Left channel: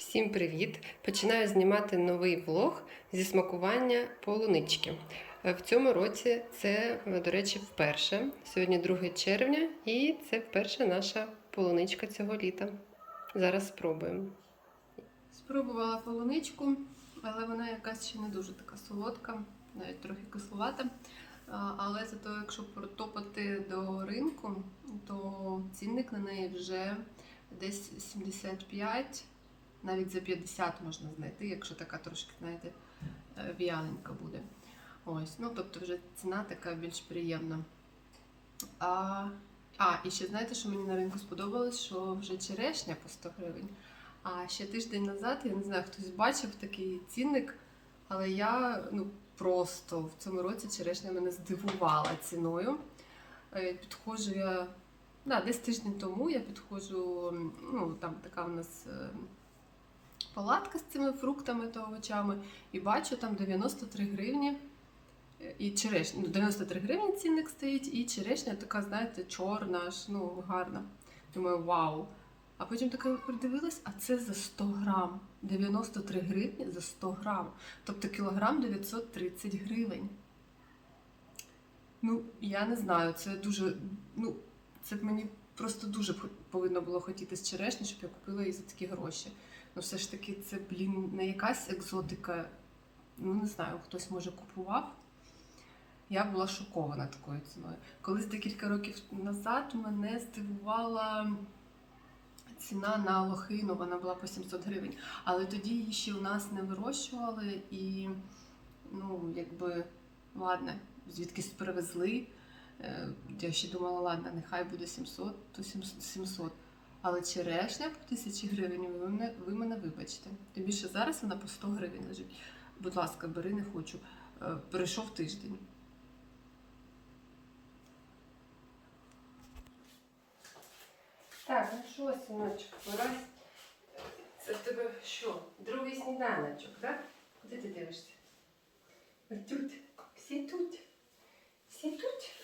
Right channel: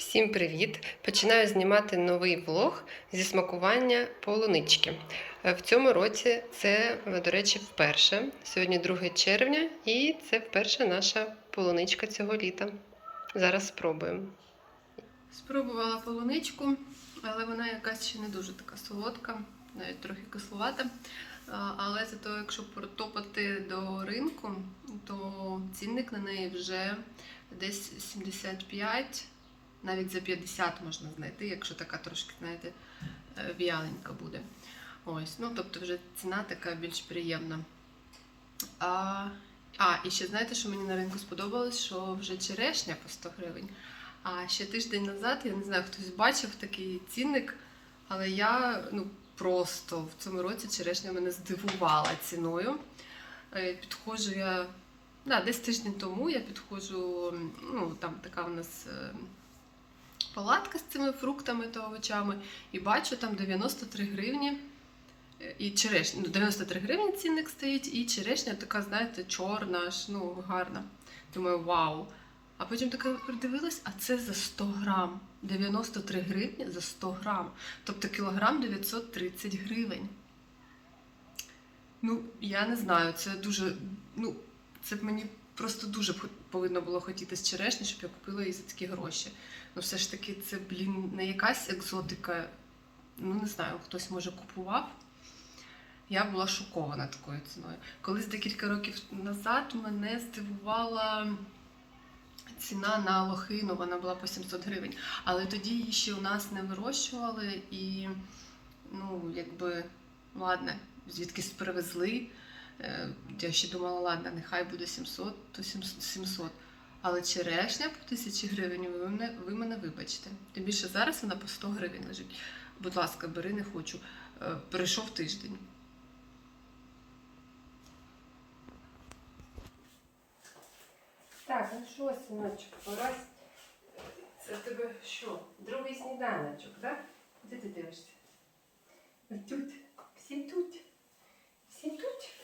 Всім привіт! Починаю знімати новий влог зі смакування полунички. Е, В цьому році це, е, до речі, вперше. Сьогодні 2 червня, і це вперше наша полуничка цього літа. Зараз спробуємо. Спробувала полуничку, але вона якась ще не дуже така солодка, навіть трохи кисловата. Але зато, якщо протопати до ринку, то цінник на неї вже десь 75, навіть за 50 можна знайти, якщо така трошки, знаєте, е, в'яленька буде. Ось, ну тобто вже ціна така більш приємна. А, а, і ще знаєте, що мені на ринку сподобалось, що вже черешня по 100 гривень. А ще тиждень назад, я не знаю, хтось бачив такий цінник, але я ну, просто в цьому році черешня мене здивувала ціною. Е, Підходжу я Да, десь тиждень тому я підходжу, ну там така у нас е, палатка з цими фруктами та овочами, і бачу там 93 гривні. е, І черешня, ну 93 гривні цінник стоїть, і черешня така, знаєте, чорна, аж ну гарна. Думаю, вау. А потім така придивилась, а це за 100 грам. 93 гривні за 100 грам. Тобто кілограм 930 гривень. Ну, я не знаю, це дуже. Ну, це б мені просто дуже повинно було хотітись черешні, щоб я купила її за такі гроші. Ну, все ж таки, це, блін, не якась екзотика. Ну, не знаю, хтось може купував. Я була шокована такою ціною. Колись декілька років назад мене здивувала ціна на лохину, вона була по 700 гривень. Але тоді її ще у нас не вирощували і, ну, якби, ладно, звідкись привезли. Е, Я ще думала, ладно, нехай буде 700, то 700. Але черешня по 1000 гривень, ви мене, ви мене вибачте. Тим більше зараз вона по 100 гривень лежить. Будь ласка, бери, не хочу. Е, Прийшов тиждень. Так, ну що, синочок, пора. Це в тебе що? Другий сніданочок, так? Де ти дивишся? Тут. Всі тут. Всі тут.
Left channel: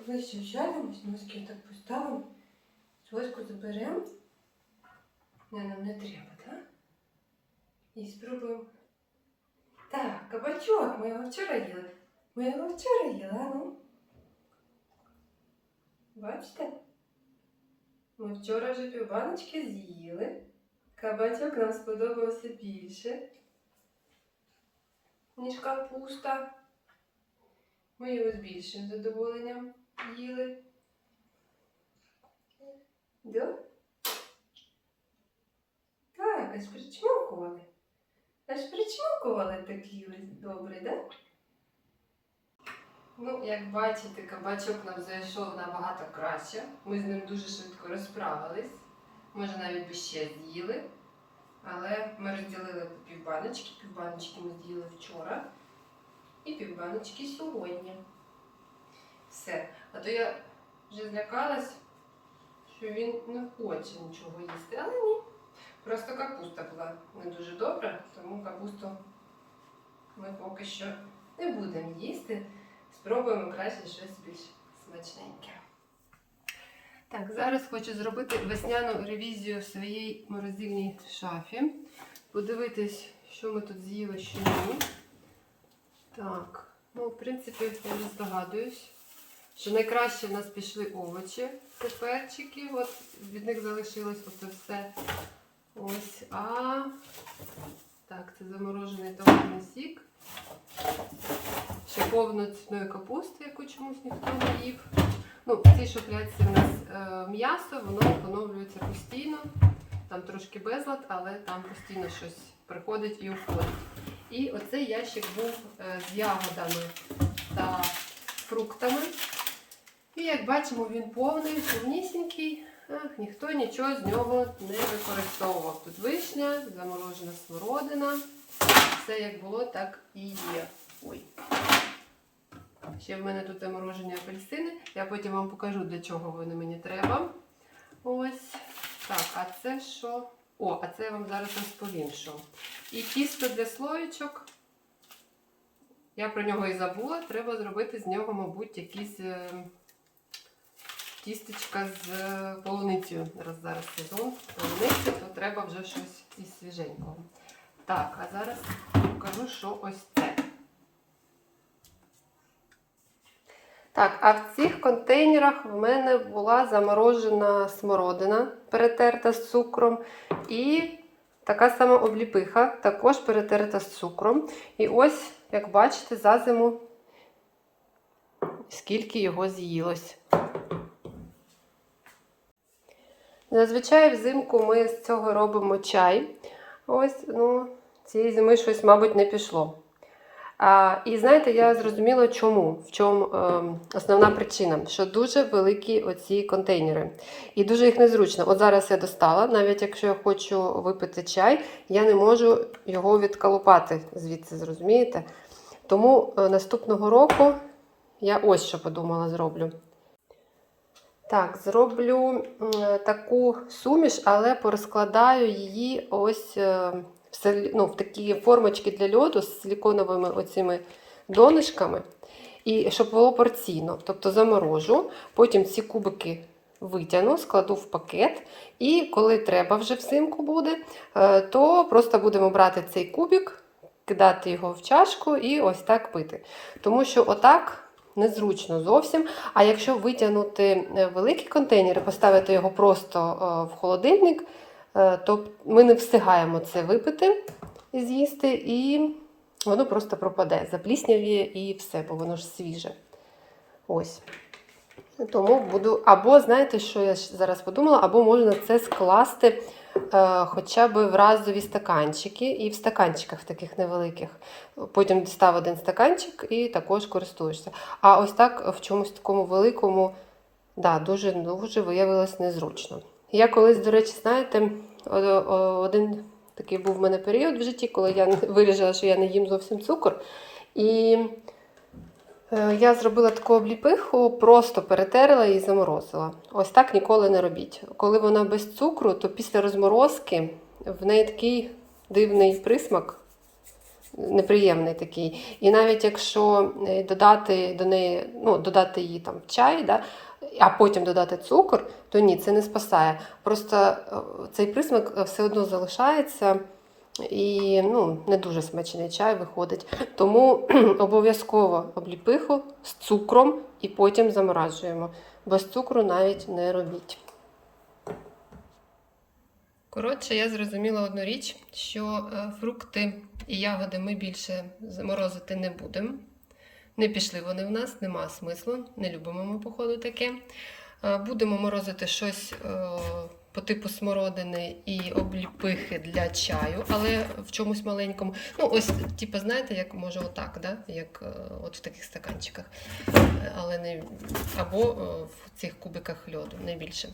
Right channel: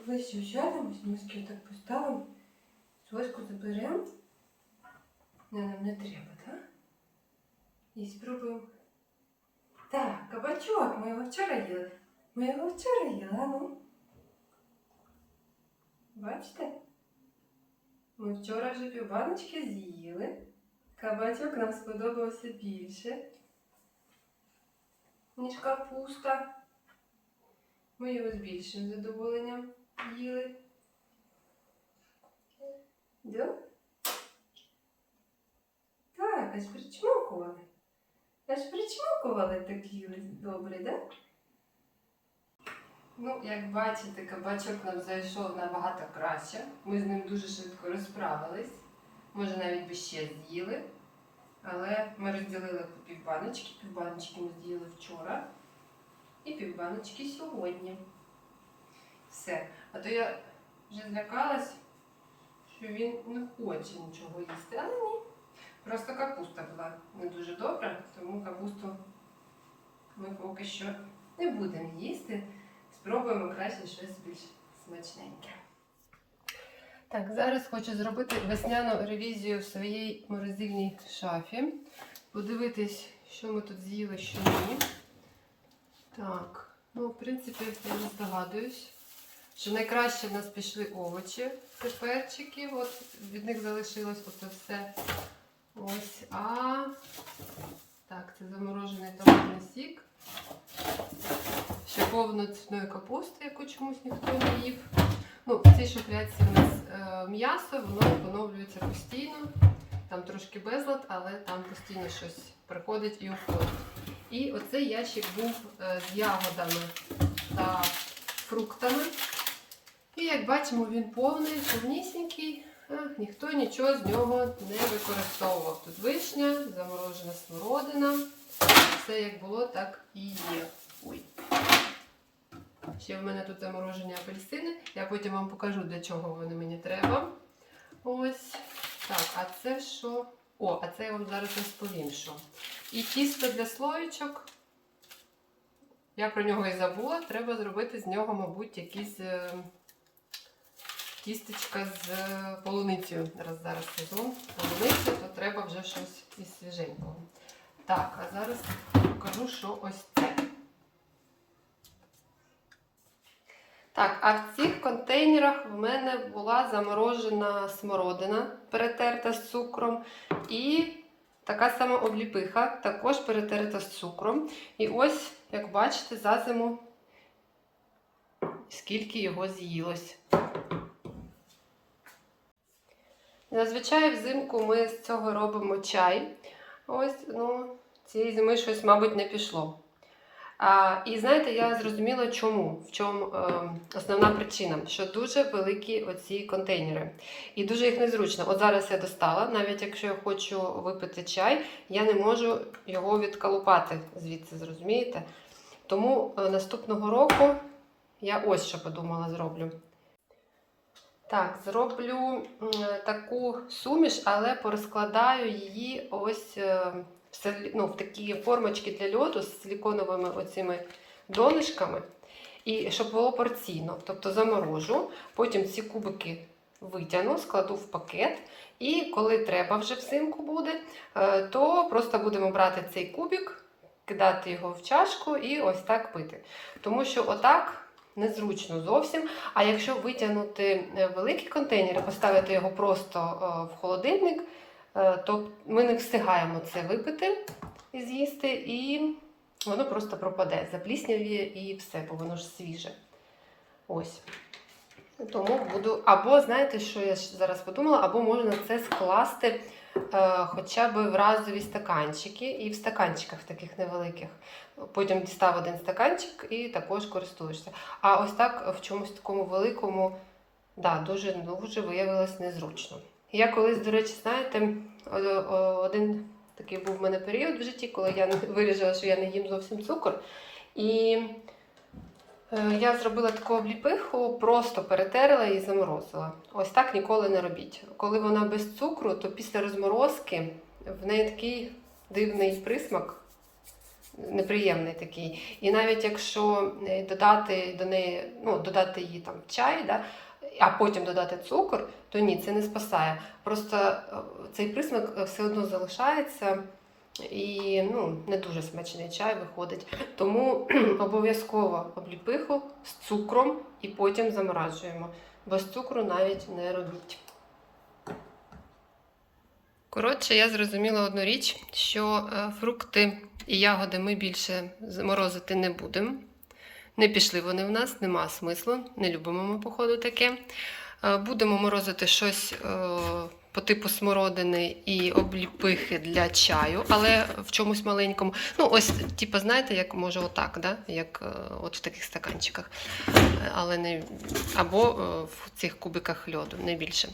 Поближче сядемо, ось носки так поставимо. Соську заберемо. Не, нам не треба, так? І спробуємо. Так, кабачок, ми його вчора їли. Ми його вчора їли, а ну. Бачите? Ми вчора вже півбаночки з'їли. Кабачок нам сподобався більше, ніж капуста. Ми його з більшим задоволенням їли. Да? Так, аж причмокували. Аж причмокували так їли добре, да? Ну, як бачите, кабачок нам зайшов набагато краще. Ми з ним дуже швидко розправились. Може, навіть би ще з'їли. Але ми розділили півбаночки. Півбаночки ми з'їли вчора. І півбаночки сьогодні. Все. А то я вже злякалась, що він не хоче нічого їсти. Але ні. Просто капуста була не дуже добра, тому капусту ми поки що не будемо їсти. Спробуємо краще щось більш смачненьке. Так, зараз хочу зробити весняну ревізію в своїй морозильній шафі. Подивитись, що ми тут з'їли, що ні. Так, ну, в принципі, я не здогадуюсь, що найкраще в нас пішли овочі. Це перчики, от від них залишилось оце все. Ось, а так, це заморожений томатний сік. Ще повно цвітної капусти, яку чомусь ніхто не їв. Ну, в цій шухлядці у нас е, м'ясо, воно поновлюється постійно. Там трошки безлад, але там постійно щось приходить і уходить. І оцей ящик був е, з ягодами та фруктами. І як бачимо, він повний, повнісінький. Ніхто нічого з нього не використовував. Тут вишня, заморожена смородина. Все як було, так і є. Ой. Ще в мене тут заморожені апельсини. Я потім вам покажу, для чого вони мені треба. Ось. Так, а це що? О, а це я вам зараз розповім, що. І тісто для слоєчок. Я про нього і забула. Треба зробити з нього, мабуть, якісь е, тістечка з полуницею. Раз зараз сезон полуниці, то треба вже щось із свіженького. Так, а зараз покажу, що ось це. Так, а в цих контейнерах в мене була заморожена смородина, перетерта з цукром, і така сама обліпиха, також перетерта з цукром. І ось, як бачите, за зиму скільки його з'їлось. Зазвичай взимку ми з цього робимо чай. Ось, ну, цієї зими щось, мабуть, не пішло. А, і знаєте, я зрозуміла, чому, в чому е, основна причина, що дуже великі оці контейнери. І дуже їх незручно. От зараз я достала, навіть якщо я хочу випити чай, я не можу його відколупати звідси, зрозумієте? Тому е, наступного року я ось що подумала зроблю. Так, зроблю таку суміш, але порозкладаю її ось е, в, ну, в такі формочки для льоду з силіконовими оцими донышками. І щоб було порційно. Тобто заморожу, потім ці кубики витягну, складу в пакет. І коли треба вже взимку буде, е, то просто будемо брати цей кубик, кидати його в чашку і ось так пити. Тому що отак незручно зовсім. А якщо витягнути е, великий контейнер і поставити його просто е, в холодильник, е, то ми не встигаємо це випити і з'їсти, і воно просто пропаде, запліснявіє і все, бо воно ж свіже. Ось. Тому буду, або знаєте, що я зараз подумала, або можна це скласти хоча б в разові стаканчики і в стаканчиках таких невеликих. Потім дістав один стаканчик і також користуєшся. А ось так в чомусь такому великому, да, дуже, дуже виявилось незручно. Я колись, до речі, знаєте, один такий був в мене період в житті, коли я вирішила, що я не їм зовсім цукор. І е, я зробила таку обліпиху, просто перетерла і заморозила. Ось так ніколи не робіть. Коли вона без цукру, то після розморозки в неї такий дивний присмак неприємний такий. І навіть якщо е, додати до неї, ну, додати її там чай, да, а потім додати цукор, то ні, це не спасає. Просто е, цей присмак е, все одно залишається. І ну, не дуже смачний чай виходить. Тому обов'язково обліпиху з цукром і потім заморажуємо. Без цукру навіть не робіть. Коротше, я зрозуміла одну річ, що е, фрукти і ягоди ми більше заморозити не будемо. Не пішли вони в нас, нема смислу, не любимо ми, походу, таке. Е, Будемо морозити щось е, по типу смородини і обліпихи для чаю, але в чомусь маленькому. Ну, ось, типу, знаєте, як може отак, да? як е, от в таких стаканчиках. Е, Але не або е, в цих кубиках льоду, не більше.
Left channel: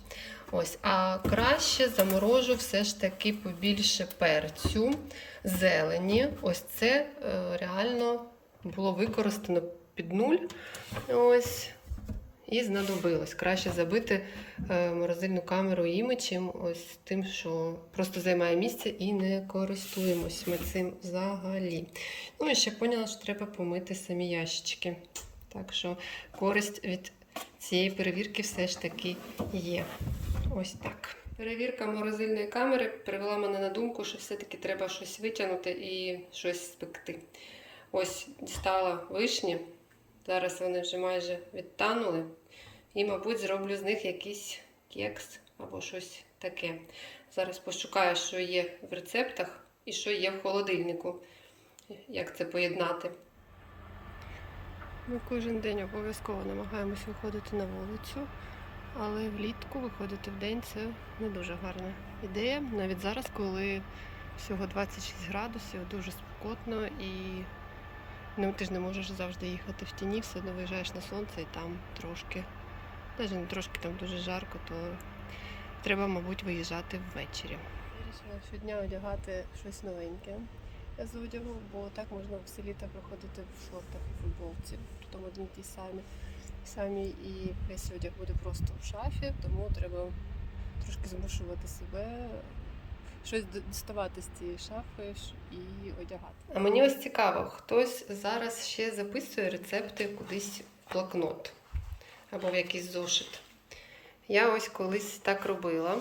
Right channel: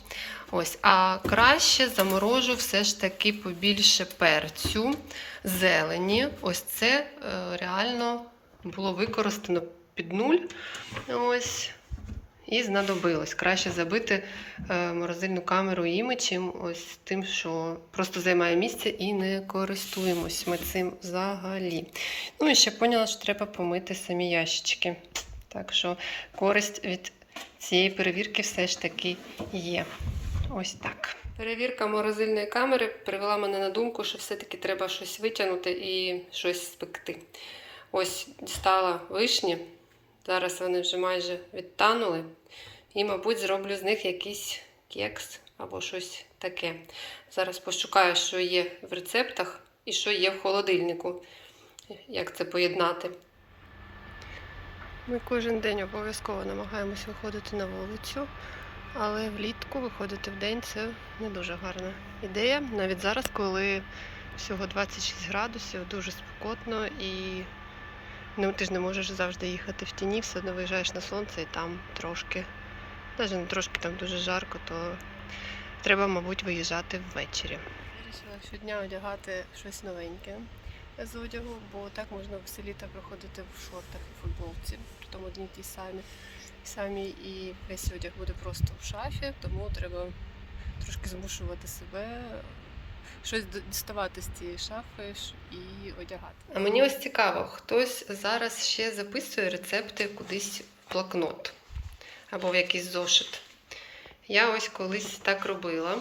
Ось, а краще заморожу все ж таки побільше перцю, зелені. Ось це реально було використано під нуль. Ось. І знадобилось. Краще забити е, морозильну камеру іми, чим ось тим, що просто займає місце і не користуємось ми цим взагалі. Ну і ще поняла, що треба помити самі ящички. Так що користь від цієї перевірки все ж таки є. Ось так. Перевірка морозильної камери привела мене на думку, що все-таки треба щось витягнути і щось спекти. Ось дістала вишні. Зараз вони вже майже відтанули. І, мабуть, зроблю з них якийсь кекс або щось таке. Зараз пошукаю, що є в рецептах і що є в холодильнику. Як це поєднати. Ми кожен день обов'язково намагаємось виходити на вулицю, але влітку виходити в день це не дуже гарна ідея. Навіть зараз, коли всього 26 градусів, дуже спекотно і ну, ти ж не можеш завжди їхати в тіні, все одно виїжджаєш на сонце і там трошки, навіть не трошки там дуже жарко, то треба, мабуть, виїжджати ввечері. Вирішила щодня одягати щось новеньке з одягу, бо так можна все літо проходити в шортах і футболці, при тому одні ті самі. Самі і весь одяг буде просто в шафі, тому треба трошки змушувати себе щось діставати з цієї шафи і одягати. А мені ось цікаво, хтось зараз ще записує рецепти кудись в блокнот або в якийсь зошит. Я ось колись так робила.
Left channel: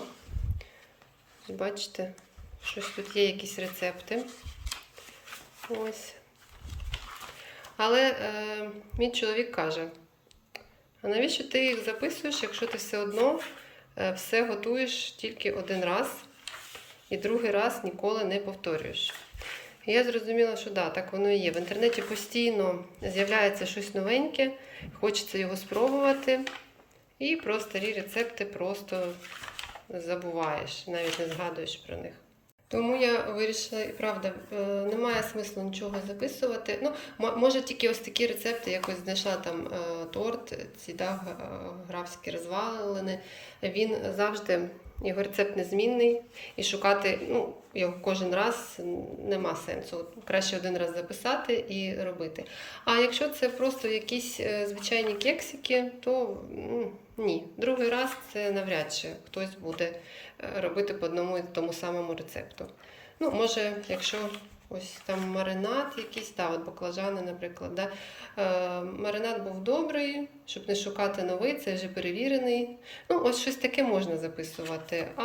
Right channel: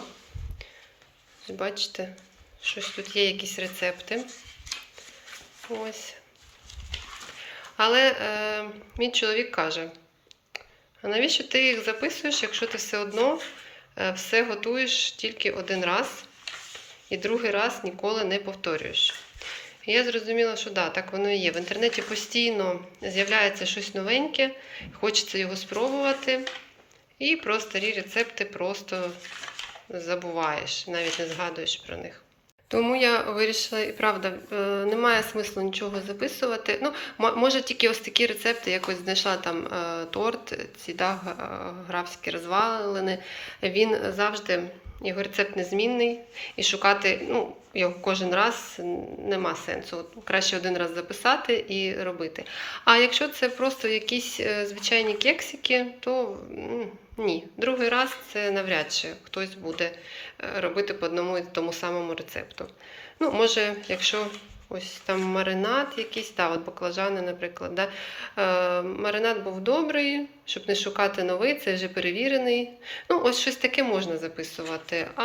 Бачите, щось тут є якісь рецепти. Ось. Але е, мій чоловік каже: а навіщо ти їх записуєш, якщо ти все одно е, все готуєш тільки один раз і другий раз ніколи не повторюєш? І я зрозуміла, що да, так воно і є. В інтернеті постійно з'являється щось новеньке, хочеться його спробувати. І про старі рецепти просто забуваєш, навіть не згадуєш про них. Тому я вирішила, і правда, е, немає смислу нічого записувати. Ну, може, тільки ось такі рецепти, якось знайшла там е, торт, ці да, графські розвалини. Він завжди, його рецепт незмінний, і шукати ну, його кожен раз нема сенсу. От краще один раз записати і робити. А якщо це просто якісь е, звичайні кексики, то ні. Другий раз це навряд чи хтось буде е, робити по одному і тому самому рецепту. Ну, може, якщо ось там маринад якийсь, та, от баклажани, наприклад. Да? Е, маринад був добрий, щоб не шукати новий, це вже перевірений. Ну, ось щось таке можна записувати, а,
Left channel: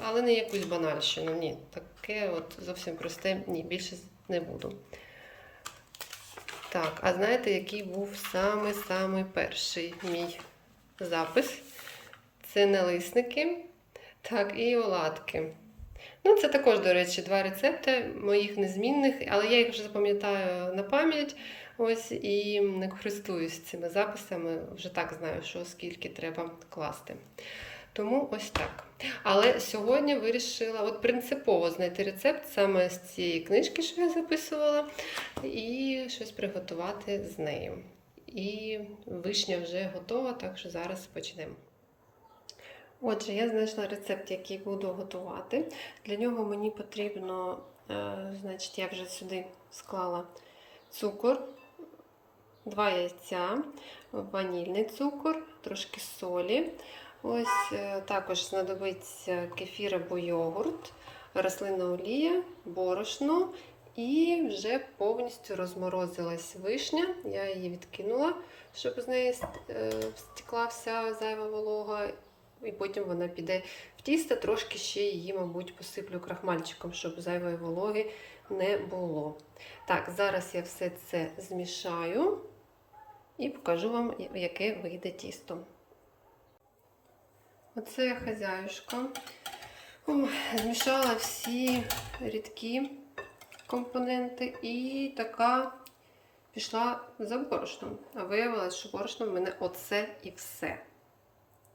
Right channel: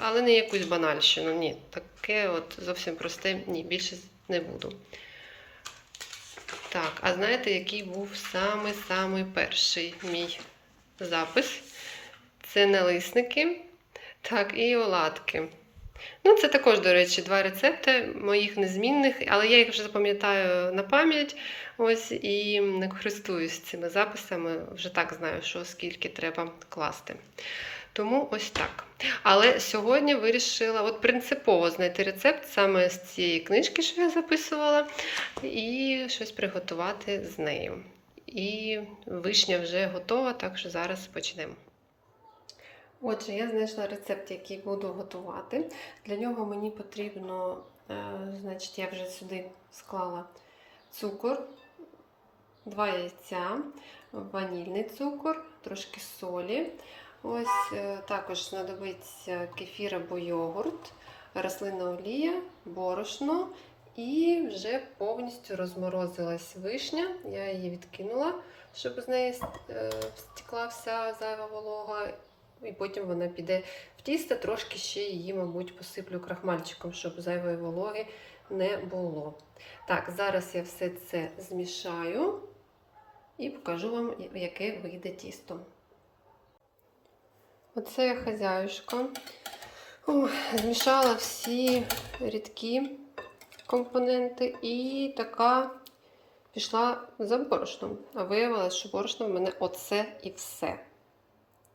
але не якусь банальщину. Ні, таке от зовсім просте, ні, більше не буду. Так, а знаєте, який був самий-самий перший мій запис? Це налисники, так, і оладки. Ну, це також, до речі, два рецепти моїх незмінних, але я їх вже запам'ятаю на пам'ять. Ось і не користуюсь цими записами, вже так знаю, що скільки треба класти. Тому ось так. Але сьогодні вирішила от принципово знайти рецепт саме з цієї книжки, що я записувала, і щось приготувати з нею. І вишня вже готова, так що зараз почнемо. Отже, я знайшла рецепт, який буду готувати. Для нього мені потрібно, е, значить, я вже сюди склала цукор, два яйця, ванільний цукор, трошки солі. Ось е, також знадобиться кефір або йогурт, рослинна олія, борошно і вже повністю розморозилась вишня. Я її відкинула, щоб з неї е, стекла вся зайва волога. І потім вона піде в тісто, трошки ще її, мабуть, посиплю крахмальчиком, щоб зайвої вологи не було. Так, зараз я все це змішаю і покажу вам, яке вийде тісто. Оце хазяюшка. Ой, змішала всі рідкі компоненти і така пішла за борошном. А виявилось, що борошно в мене оце і все.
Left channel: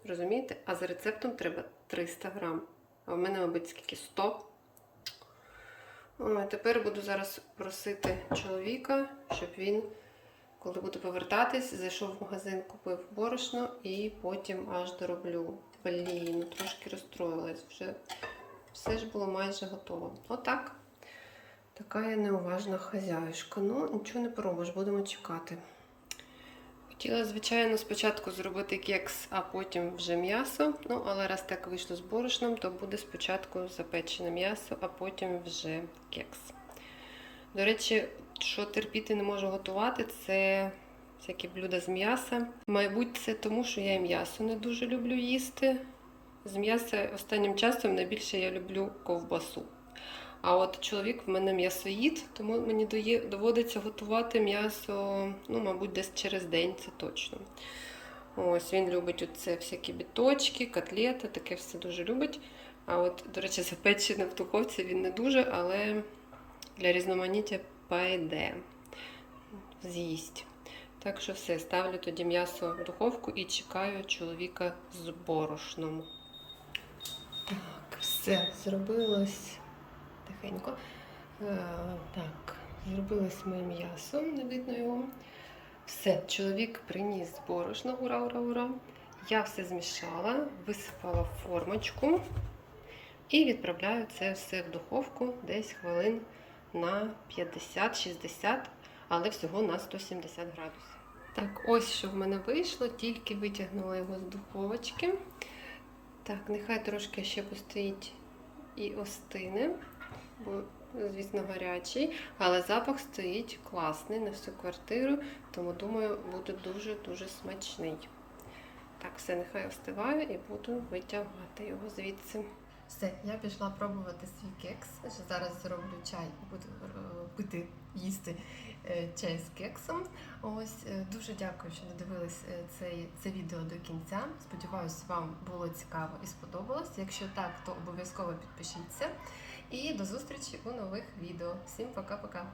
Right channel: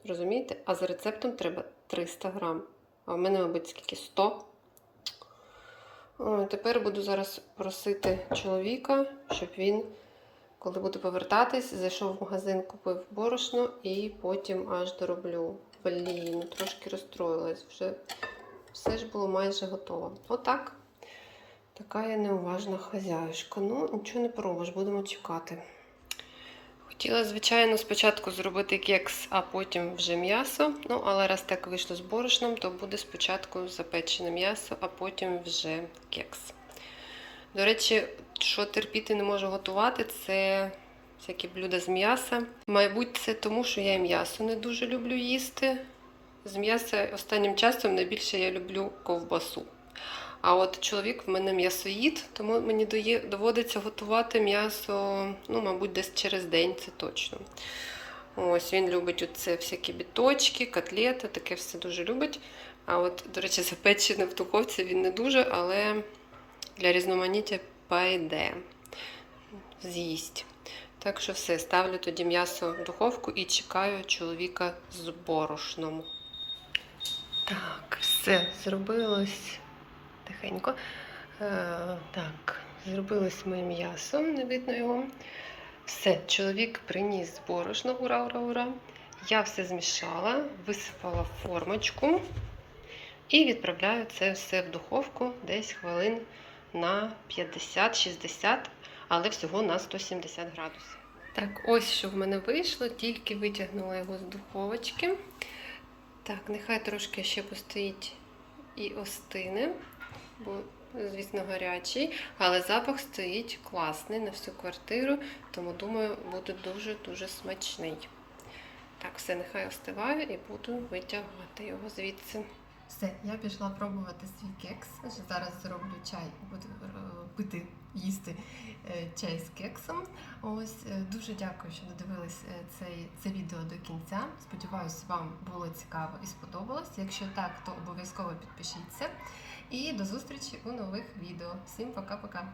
Розумієте? А за рецептом треба 300 грам. А в мене, мабуть, скільки 100. Ой, тепер буду зараз просити чоловіка, щоб він, коли буду повертатись, зайшов в магазин, купив борошно і потім аж дороблю. Блін, ну трошки розстроїлась. Вже все ж було майже готово. Отак. Така я неуважна хазяюшка. Ну, нічого не поробиш, будемо чекати. Хотіла, звичайно, спочатку зробити кекс, а потім вже м'ясо. Ну, але раз так вийшло з борошном, то буде спочатку запечене м'ясо, а потім вже кекс. До речі, що терпіти не можу готувати, це всякі блюда з м'яса. Мабуть, це тому, що я і м'ясо не дуже люблю їсти. З м'яса останнім часом найбільше я люблю ковбасу. А от чоловік в мене м'ясоїд, тому мені доводиться готувати м'ясо, ну, мабуть, десь через день, це точно. Ось він любить оце всякі біточки, котлети, таке все дуже любить. А от, до речі, запечене в духовці він не дуже, але для різноманіття пайде. З'їсть. Так що все, ставлю тоді м'ясо в духовку і чекаю чоловіка з борошном. Так, все, зробилось тихенько. Е, так, зробилось моє м'ясо, не видно його. Все, чоловік приніс борошно, ура, ура, ура. Я все змішала, висипала в формочку і відправляю це все в духовку десь хвилин на 50-60, але всього на 170 градусів. Так, ось що в мене вийшло, тільки витягнула його з духовочки. Так, нехай трошки ще постоїть і остине, бо, звісно, гарячий, але запах стоїть класний на всю квартиру, тому думаю, буде дуже-дуже смачний. Так, все, нехай остиває і буду витягати його звідси. Все, я пішла пробувати свій кекс. Зараз зроблю чай буду е, пити, їсти е, чай з кексом. Ось е, дуже дякую, що додивились е, цей, це відео до кінця. Сподіваюсь, вам було цікаво і сподобалось. Якщо так, то обов'язково підпишіться. І до зустрічі у нових відео. Всім пока-пока!